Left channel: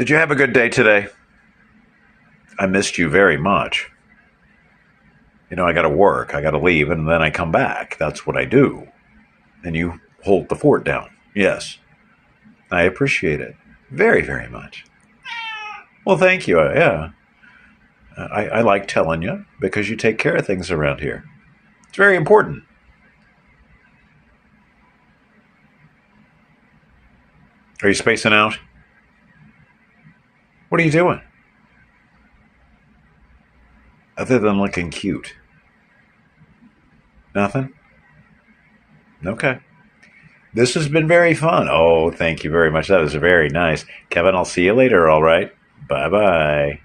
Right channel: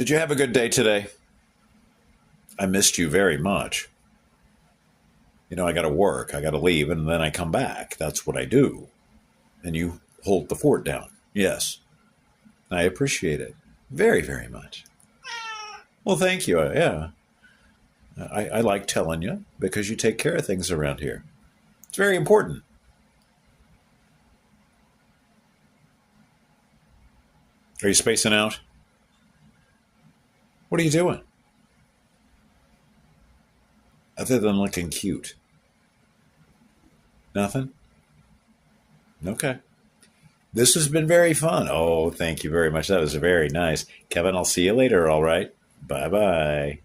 Did you have a good day today? I missed you very much. I got to work, I got to leave, and then I come back. That's what I do. And you hold the fort down. Yes, I appreciate it very, very much. Well, thank you. Yeah, I like telling you because you take care of things around here. It's very important. Are you spacing out? What are you doing? Other than looking cute? Nothing? Okay. This has been very fun. Oh, thank you very much. That was very nice. Kevin, I'll see you later, all right? Bye bye.